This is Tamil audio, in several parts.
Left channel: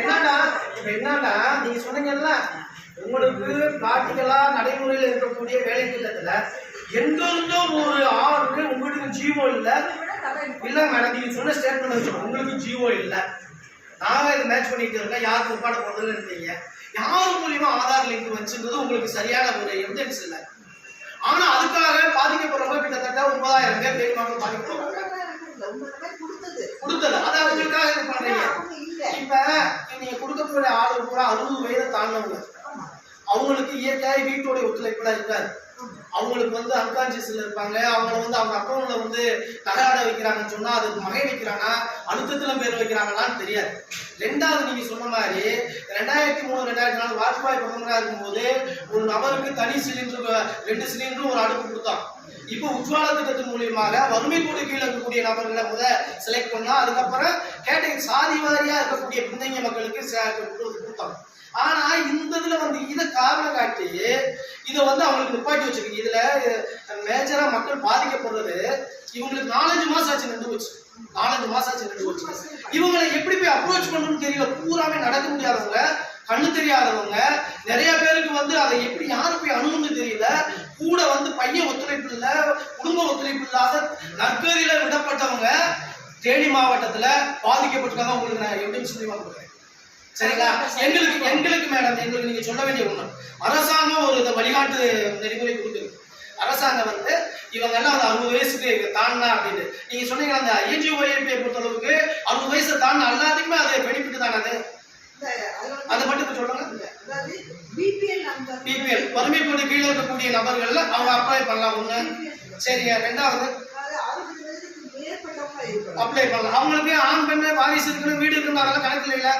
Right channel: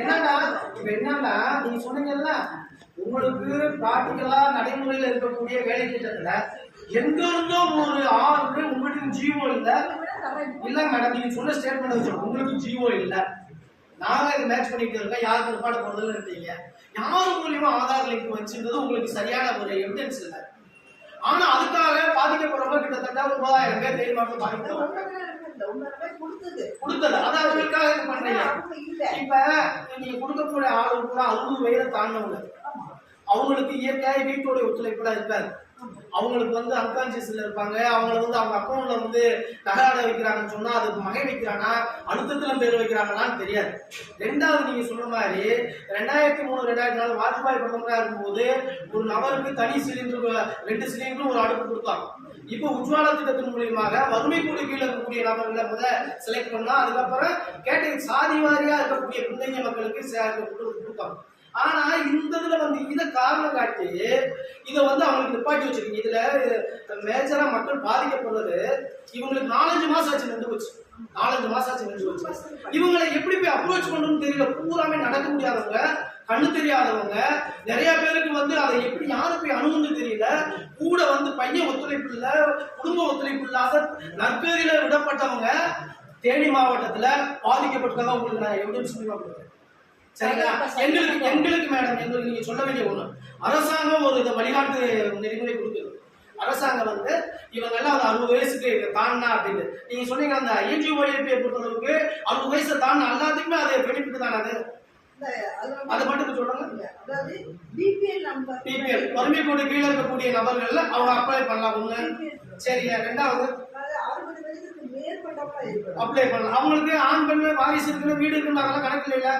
என்னன்னா நீங்க சொன்னீங்கல்ல, உங்களுக்கு பிராக்டிகலா நடைமுறையில் இருக்கக்கூடிய வேலை திட்டத்துல எங்க இருந்தோ ஒரு ஆர்டர் உங்களுக்கு ஜீவோ இல்ல மேடம். நீங்க சொன்ன ஸ்டேட்மெண்ட் வச்சு உங்களுக்கு ஜீவோ இல்ல, நாங்க இது மேட்ச் பண்ணிட்டு இருக்கோம், யாருக்கு உட்பாட போறதுன்னு இருந்தீங்க, யாரு மூலியமா ஆதார் லிங்க் வச்சுன்றது உங்களுக்கு சரியான ஒரு எவிடன்ஸ் இல்லை. ஆனா அதுக்காக பாதிக்கப்படுறவங்க கிட்டத்தட்ட 9000 பேர் பேருமாற்றம் பாதிக்கப்படுறாங்க. கொடுத்தது அதை அவங்களுக்காக இது பண்றீங்க. இப்ப நீங்க கொடுக்கக்கூடிய ஆளு பூரா 60 வயதை தாண்டவங்க, அவங்களுக்கு இயற்கையாக வீட்டோடைய ஒத்துழைப்புலாம் இருக்காது. அவங்களுக்கு வந்து அன்கான்சியஸ்ல இருப்பாங்க. அவங்கள வந்து அவங்க அக்கௌண்ட்ல வந்து நகையாட வைக்கிறாங்கன்னு சொன்னா அது மகை வைக்கிறானா அழுத்தத்துல பேர் வைக்கிறாங்களான்னு தெரியாது. ரெண்டாவது நீங்க சொன்ன மாதிரி 2003 2004 வாஜ்பாய் பிரதமராக இருக்கும்போது ஒரு நபருக்கு தனி சிலிண்டர் 2 சிலிண்டரும் ஒரு அடுப்பு கொடுத்தாங்க. இப்போ உஜ்வாலா திட்டத்தின் மூலியமாக வறுமை கோடு கீழே இருக்கக்கூடிய நபர்களை செலக்ட் பண்ணா, அதுக்கப்புறம் கேட்டகரி சாதி வாரியா இருக்கக்கூடிய பின்தங்கிய மக்களுக்கு கொடுத்தாங்க. ஆனா இந்த இதுல வந்து இதை காரணம் காட்டி இதை வந்து அவங்களுக்கு நிப்பாட்டி வச்சிருக்கீங்க. இதுல மேஜரா மக்கள் பாதிக்கப்படுறது இவங்களுக்கு 4-5 மாசம் ஆச்சு நின்று போச்சு. 4-5 மாசம் ஆச்சு நின்று போச்சு. இவங்களை எப்படி போய் அப்ரோச் பண்ணணும்னு தெரியல. பூராமே நடக்க முடியாதவங்க, கண்ணு தெரியாதவங்க, நிறைய பேருக்கு வந்து அதை எப்படி யாரு போய் அணுகுன்னு தெரியல. கூட வந்து பையன் ஒத்துழைப்பு இல்லை, குடும்ப ஒத்துழைப்பு இல்லாத நற்கதியில விடப்பட்டவங்க தேனி மாவட்டத்துல பாதிக்கப்பட்டிருக்காங்க. உங்களுக்கு நான் எவிடன்ஸ் மூலியமா கொடுக்குறேன், சரிங்களா? எங்களுக்கு மேடம், எங்களுக்கு நீங்க சொல்ல வேண்டிய ஒண்ணு, அரசாங்கம் ஒரு வழிகாட்டு நெறிமுறை கொடுக்குது. அரசாங்கம் வந்து இவங்க எல்லாம் அந்த 60 வயசுக்கு தாண்டா அப்படின்னு நீங்க சொன்னீங்க. அந்த INGOIP பொறுத்தளவுக்கு 60 வயசு தாண்டா எல்லாத்துக்குமே அது பெனிஃபிட் தானே. அதை மட்டும் சொல்லுங்க. பிபிஎல் வறுமை கோடு கீழே இருக்கக்கூடிய நபர்கள்ல அவங்க அப்ளை பண்ணலாம் ஒண்ணு. சரிங்க. ரெண்டாவது அப்ளை பண்ணலாம். அவங்களுக்கு ஆண் பெண் வாரிசு இருக்குன்னு வீடு இருக்குன்னு அதெல்லாம் கணக்கு இல்லைல்ல,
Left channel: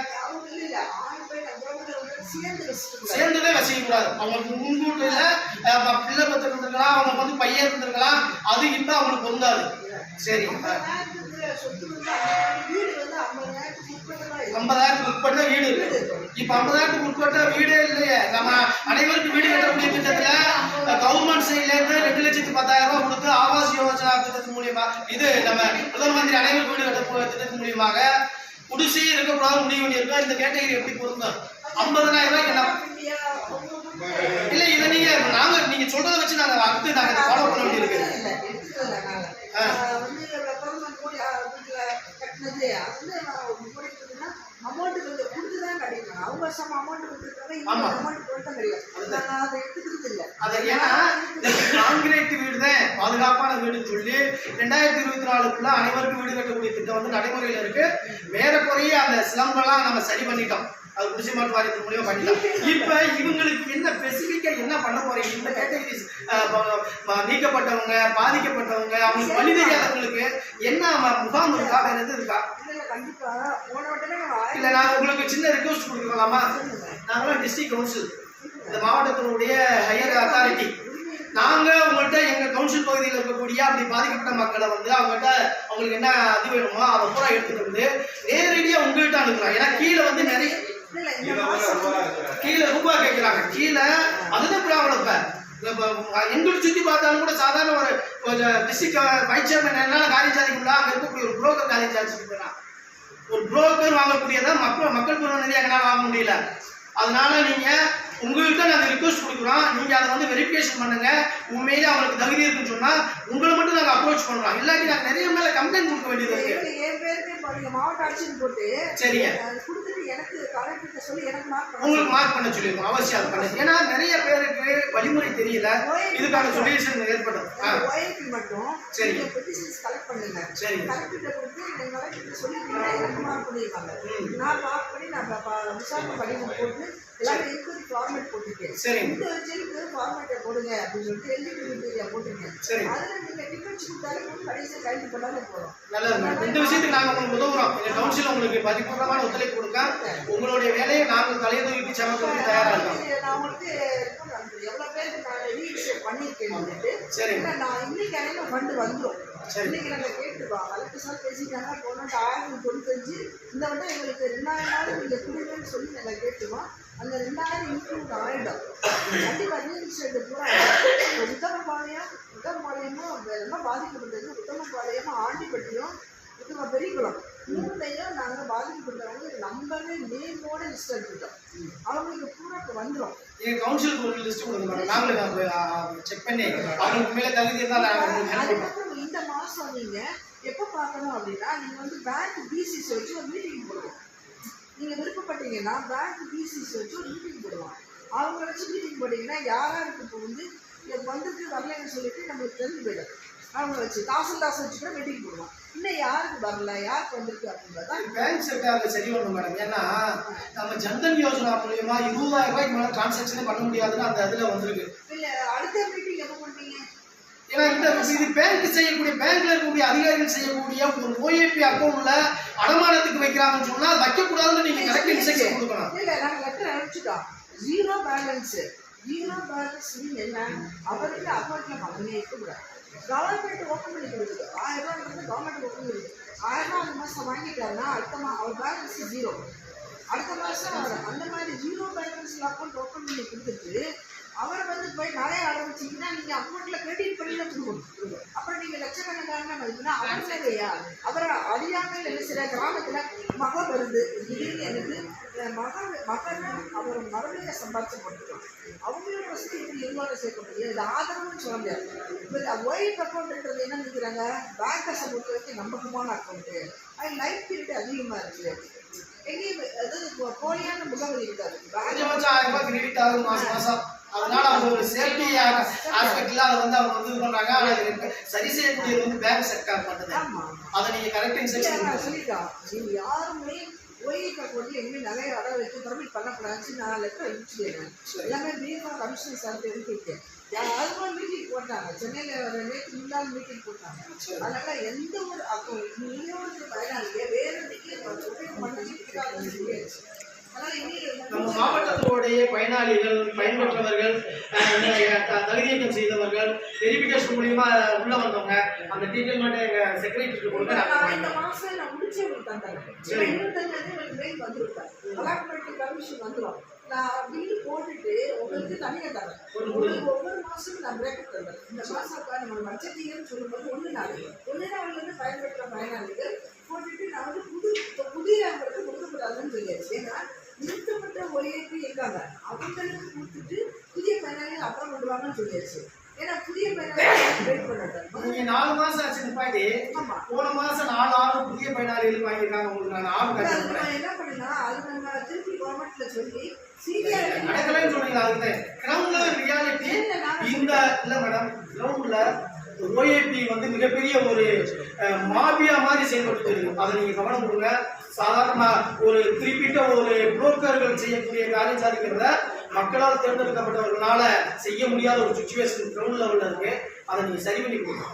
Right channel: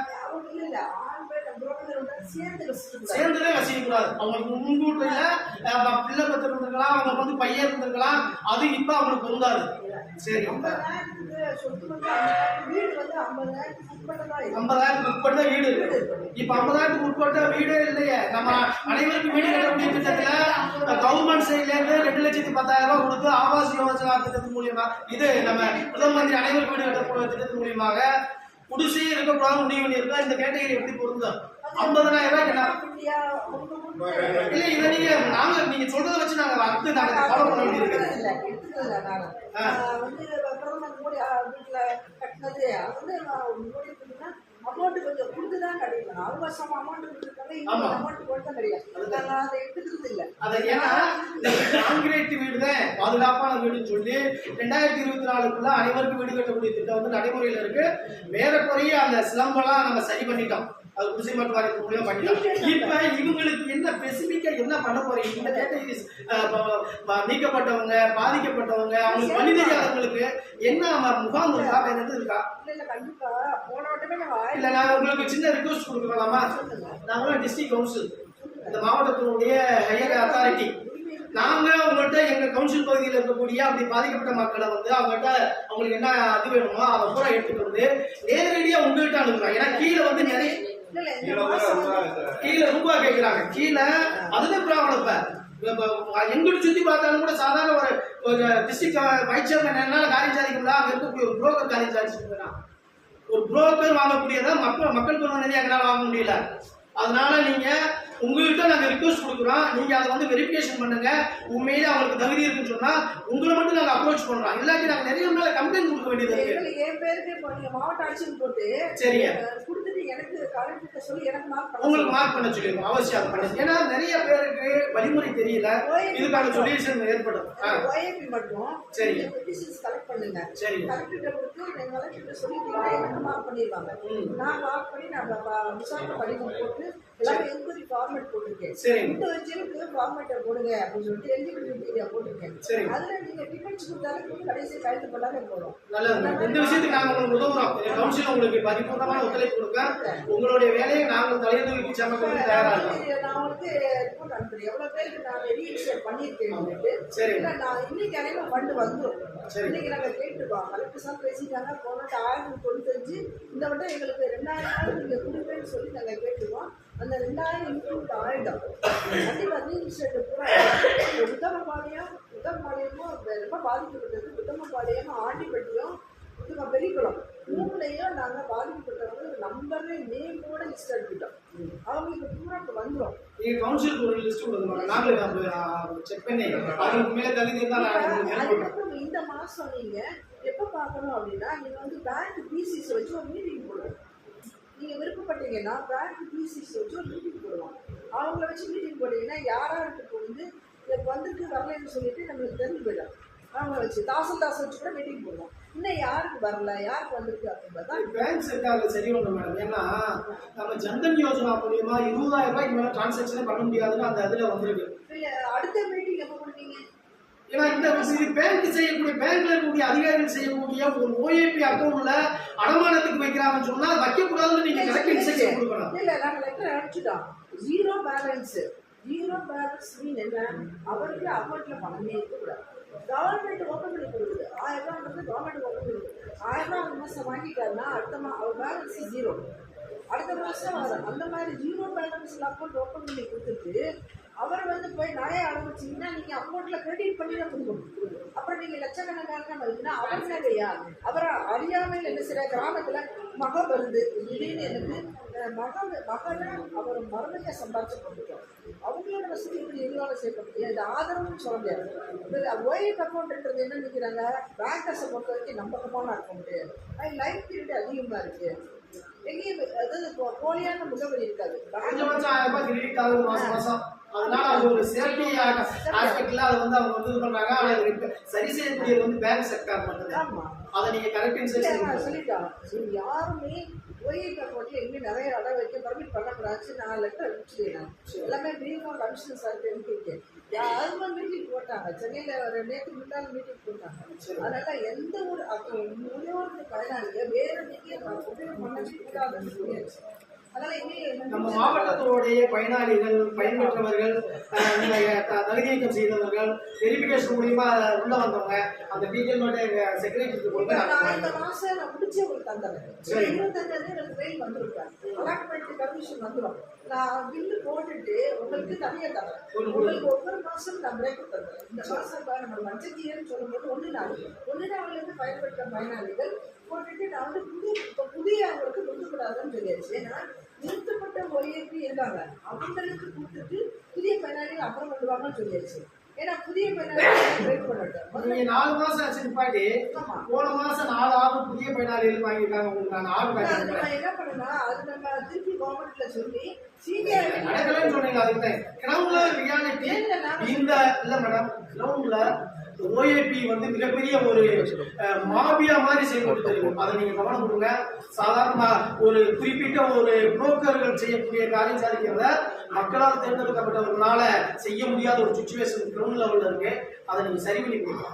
சேர்ந்ததே வசிக்க கூடாது. அவங்களுக்கு முன்கூட்டில பிள்ளை பத்து இருந்திருக்கலாம், அவங்களுக்கு வந்து பையன் இருந்திருக்கலாம், அது இப்ப அவங்களுக்கு பொருந்தாது. சரி, 50,000 உட்பட்ட வீடு இருக்கு. இப்ப 50,000 உட்பட்ட வீடே இல்லையே. நம்ம அனைவருக்கும் வீடு கட்டக்கூடிய திட்டத்துல கவர்மெண்ட் சைட்ல இருந்து 2,10,000 ரூபாய் கொடுத்து ஆவாஸ் யோஜனா திட்டத்தின் மூலியமா, இது நம்ம பிரதம மந்திரி அனைவருக்கு வீடு கட்டக்கூடிய திட்டத்தின் மூலியமாக குடிசை இருக்கக்கூடாது முடிவு பண்ணியிருக்கோம். இந்த கேட்டகரி எப்படி பொருந்தும்? 50,000 ரூபாய்க்கு என்ன இல்ல, இதை நீங்க சொல்றதை வச்சு நாங்க ஃபாலோ பண்ண வேண்டியிருக்கு. பாதுகாப்பான வீடுன்னு சொல்லி 2024 அனைவருக்கும் வீடு கட்டக்கூடிய திட்டம் வந்து நடைமுறையில் இருக்கு. மேற்கொரிய அந்த சிலம்பெல்லாம் நம்ம சரி பண்ணிட்டோம், அது குடிசை மாற்று வாரியத்தின் மூலியம் பண்ணிட்டோம். இப்ப இவங்களுக்கு என்ன ஸ்பெசிபிக்கா என்ன பண்ண போறீங்க? இந்த கேட்டகரிஸ் நீக்கப்பட்டவங்க, பாதிக்கப்பட்டவங்க, அவங்களுக்கு வழி தெரியாதவங்களுக்கு என்ன முகாம் இருக்கா, வேற எது இருக்கா? இல்ல, நாங்க உங்களுக்கு சின்ன ரிக்வெஸ்ட் கொடுக்கலாமா? நாங்களாம் டிஸ்ட்ரிக்ட் கவுன்சில், இந்த மாவட்டத்தினுடைய ஹையர் அத்தாரிட்டி, நாங்க உங்கள்கிட்ட எங்க கவுன்சில் பகுதியில் இருக்கக்கூடிய அப்படி பாதிக்கப்பட்ட மக்களை வந்து அவங்களுக்கு என்ன அது வேணுமோ அதை பூரா எடுத்துட்டு வந்து நேரடியா உங்ககிட்ட அனுப்புறோம். ஏன்னா கீழே வந்து நிறைய கீழே ரூபாய் கேட்கிறாங்க. கீழே அதுதான் ப்ராப்ளம். இப்ப எங்களுக்கு சுத்தி பார்த்தாலும் கூட சாதாரண ஒரு டிஸ்ட்ரிக்ட் வைஸ் சேர்மன் என்னால காரியம் சாதிக்க முடியல, அங்க இருக்கக்கூடிய ஒரு புரோக்கர் காரியம் சாதிச்சுட்டு போயிடலாம். ஒரு புரோக்கர் வாங்கக்கூடியதை மக்கள் பிரதிநிதியாக எங்களால் வாங்க முடியல. அதனால நீங்க உங்கள்கிட்ட நாங்க ரிக்வெஸ்ட் கொடுக்குறோம், நீங்க அதை வந்து வெரிஃபிகேஷன் பண்ணுங்க. உண்மையிலே அவங்களுக்கு தகுதி இருக்குன்னு சொன்னா உங்களை மட்டும் நாங்க அப்ரோச் பண்றோம். இல்லாட்டி நாங்க நிறைய மேல கம்ப்ளைண்ட் கொடுக்க வேண்டியது இருக்கு. மாவட்ட ஆட்சியர் போட்டு சரிங்க உங்களுக்கு மார்க் பண்ண சொல்லிருக்கோம். அவசியம் அதை பண்ணு. ஏன்னா நிறைய பேருக்கு வழிமுறை தெரியல, இதுக்கான சொல்யூஷன் ஏற்படும். சரி சரி சரி நல்லது. இந்த விஷயத்துக்கு நாங்க உங்களுக்கு உதவுறோம். எங்க கவுன்சில் உங்களுக்கு பரிபூர்ணமான ஒத்துழைப்பு கொடுக்க உங்களுடைய வேலையை நாங்கள் தலையதூக்கி சமத்துக்கு தயாரா இருக்கோம். சரி சரி பேசிட்டாங்க. போன 1995 இந்த வட்டம் எங்களுக்கு 2000 நீங்க கொடுங்கன்னு சொல்லி நாங்க கேட்டுவோம். அந்த 2000 இன்க்ளூட் ஆயிடும். உத்தமபாளையமும் ரொம்ப பாதிக்கப்பட்டது. உத்தமபாளையமும் ஆண்டிப்பட்டியும் பெரியகுளம் 3லையும் நாங்கள் பாதிக்கப்பட்டவங்க நம்பர் எல்லாமே நேமோட லிஸ்ட் எடுத்துட்டோம். அவங்களுக்கு பூரா இப்போ வந்துடும். எங்க கவுன்சிலுக்கு ஒரு லிஸ்ட் கொடுங்க மேடம், நாங்களே செக் பண்ணி அவங்களுக்கு மேலே தகுதி இருந்தால் நான் உங்களுக்கு ஹெல்ப் பண்ணுறோம். அதுக்கப்புறம் இந்த மாதம் நீங்கள் எப்போ பார்க்கணும் அப்படின்னா, நீங்கள் வந்து பேங்க் பிசிஸ் வச்சு ஒரு மீட்டிங் போடுவோம். நீங்கள் விருப்பப்பட்டீங்கன்னா பேங்க் பிசிஸ் வச்சு ஒரு மீட்டிங் போடுவோம். அவங்கள வச்சு மீட்டிங் போட்டிங்கன்னா யாராருக்கு இப்போ வந்து வந்துட்டு வரலைன்னு சொல்லிட்டு நம்மளுக்கு தெரிஞ்சு போயிடும். அவங்க வச்சு தாசில்தாஸ் வச்சு கூட மீட்டிங் போடுவோம். இன்னும் யாருக்கு வரல, யாருக்கு வந்திருக்கு அப்படின்றதா பேங்க் செக்டாரில் சரி பண்ணணும் மேடம். ஏன்னா நம்ம ஜன்தன் யோஜனா மூலியமா 20,000 ரூபாய்க்கு மேலே டிரான்சாக்ஷனே பண்ண முடியாதுன்னு அந்த இதில் வந்திருக்கு. இல்லை அடுத்த மீட்டிங் எப்போ பண்ணுவீங்க? ஏன்னா இது பேங்க் செய்யக்கூடிய, பேங்க்ல இருக்கக்கூடிய அதிகாரிகள் செய்யக்கூடிய ஒரு ஓஏபி அக்கௌண்ட்ல அடமானத்துக்கு வைக்கிறாங்கன்னு சொன்னா வைக்கக்கூடாதுன்னு நீங்க கரெக்ட் இன்ஸ்ட்ரக்ஷன் கொடுக்கணும். இல்லை நாங்கள் லெட்டர் அனுப்பிச்சிட்டோம். ஜீரோ பேலன்ஸ் மீன் என்ன, அவருக்கு அக்கௌண்ட்ல பணமே இருக்கக்கூடாது. கவர்மெண்ட் ஓப்பன் பண்ணி கொடுக்குது. 1000 ரூபாய் வந்து கவர்மெண்ட் ஓப்பன் பண்ணி கொடுக்குது. 1000 ரூபாய் அந்த மாதம் வாங்கிட்டாருன்னா அடுத்த அவர் பேலன்ஸ் ஜீரோ. அடுத்த மாதம் அந்த மாதிரி ஜீரோ பேலன்ஸில் அக்கௌண்ட் ஓப்பன் பண்ணி கொடுத்துட்டு அவர் வந்து போய் நிறைய ஆரம்பிச்சிங்கன்னா நீங்கள் அக்கௌண்ட்டில் கிரெடிட் பண்ணி தான் கொடுக்கணும். அப்புறம் நீங்கள் லட்சக்கணக்கான மதிப்புனா அவரும் இல்லையா, அவரை அறியாமையில் என்ன சில கிராமத்தில் மகம் வருது. திடீர்னு எனக்கு மகனை அவர் மரணிக்க சம்பாதிச்சு போட்டுருக்கோம். அவங்களோட வசதி இப்படி எதுவாக சேர்க்க முடியாது. இது ஆதரவுன்னு சொல்ல முடியாது. இப்போ ஒயிட் அக்கௌண்ட்ன்றது என்ன நினைக்கிறாங்க, பேங்கர்ஸை பொறுத்த வரைக்கும் நம்பகமான அக்கௌண்ட்டு, அது லைஃப் பீரியட் அதிகமாக இருக்குது. எங்கேயும் அதாவது போலியான முகவரி இருக்காது. கொஞ்சம் 1000 ரூபாய் கிரெடிட் ஆகுது மாசம். அதனால அவங்க ஒரு சேஃப்டி ஆஸ்பெக்ட்ல அதை வந்து அவங்க வந்து இது பண்றாங்க. அதை சரி செய்யக்கூடியது வந்து பேங்க் செக்டார் பண்ணுது. அதை நீங்க கரெக்ட் இன்ஸ்ட்ரக்ஷன் சொல்லிட்டோம். நீங்க யாருமே ஒயிட் அக்கௌண்ட்ல எங்கேயும் நிறைய இடம் வைக்க பர்மிட் பண்ணக்கூடாது. நான் லெட்டர் அனுப்பிச்சுட்டேன். எல்லாமே பீமா கமிஷனர் சார் இருக்கேன். யாரும் மீட்டிங் போட்டாங்க சென்னையில் நேற்று முன்னாள் மீட்டிங் போட்டாங்க. அதனால எந்த ஒரு இன்னொரு பயனாளிங்க வேற நம்ம மாவட்டத்தோடைய பயனாளிகள், பயன்பெற்றவர்கள், தகுதியீக்கம் செய்தவர்கள், வெரிஃபிகேஷன் மூலியமா உள்ள வந்தவங்க அந்த டீட்டெயில் மட்டும் எங்க செக்ரட்டரிக்கு கொடுங்க. இந்த மாசம் நான் முடிச்சு உங்களுக்கு தந்துடுறேன். 25 எனக்கு மெயில் வந்துருப்பேன். அலாட்மெண்ட் கமிஷன் வந்துடும். நான் பில்லு போட்டுட்டு உங்களுக்கு தனியாக தரேன். உங்களுக்கு ஒவ்வொரு மாதம் நான் பிரேக்கப் தந்துடுறேன். இந்த மாதம் நம்ம மஞ்சத்தீயன்னு சொல்லும்போது 1 நாள்லேருந்து பயன்பெற்ற பயனாளிகள் போட்டுட்டு நான் வந்து புதிய அவங்களுக்கு கொடுக்கக்கூடாதுன்னு சொல்லியாச்சு. ஏன்னா நிறுத்தப்பட்ட ஒய்ஏபி இருக்காங்க, அவங்களுக்கு கொடுத்துட்டு புதிய பயனாளிகள் அப்புறம் கொண்டு வாங்கன்னு சொல்லியாச்சு. ஏன்னா புதிய பயனாளிகள் வெயிட் பண்ணட்டும். நீங்க 4 மாசம் ஆச்சு நிப்பாட்டி போன மாசம் 4 புதிய பயனாளிகள் வாங்கியிருக்காங்க. உங்களுக்கு நான் ஆர்டர் என்ன பண்ணுன்னா அது நம்ம திருப்பி கவர்மெண்ட்ல சொல்லி சீனியர் நடக்கலன்னு சொன்னீங்க. அதுக்கு கிரவுண்ட்ல ரியாலிட்டி இந்த இல்ல மேடம், கிரவுண்ட்ல ஓஏபி வந்து மிகப்பெரிய ஒரு மாபியா மாதிரி செயல்பட்டு இருக்கு. அதை நீங்க கவனம் கொடுங்க. சாதாரண ஒரு குறிப்பிட்ட ஒரு புரோக்கர்கள் செய்யக்கூடிய காரியம் சாதிக்கிறத மக்களால் தேர்ந்தெடுக்கப்பட்டவர்களால செய்ய முடியாத ஒரு சுச்சுவேஷன் கிரவுண்ட் லெவல்ல இருக்கு. அதை நீங்க சரி பண்ணி கொடுங்க.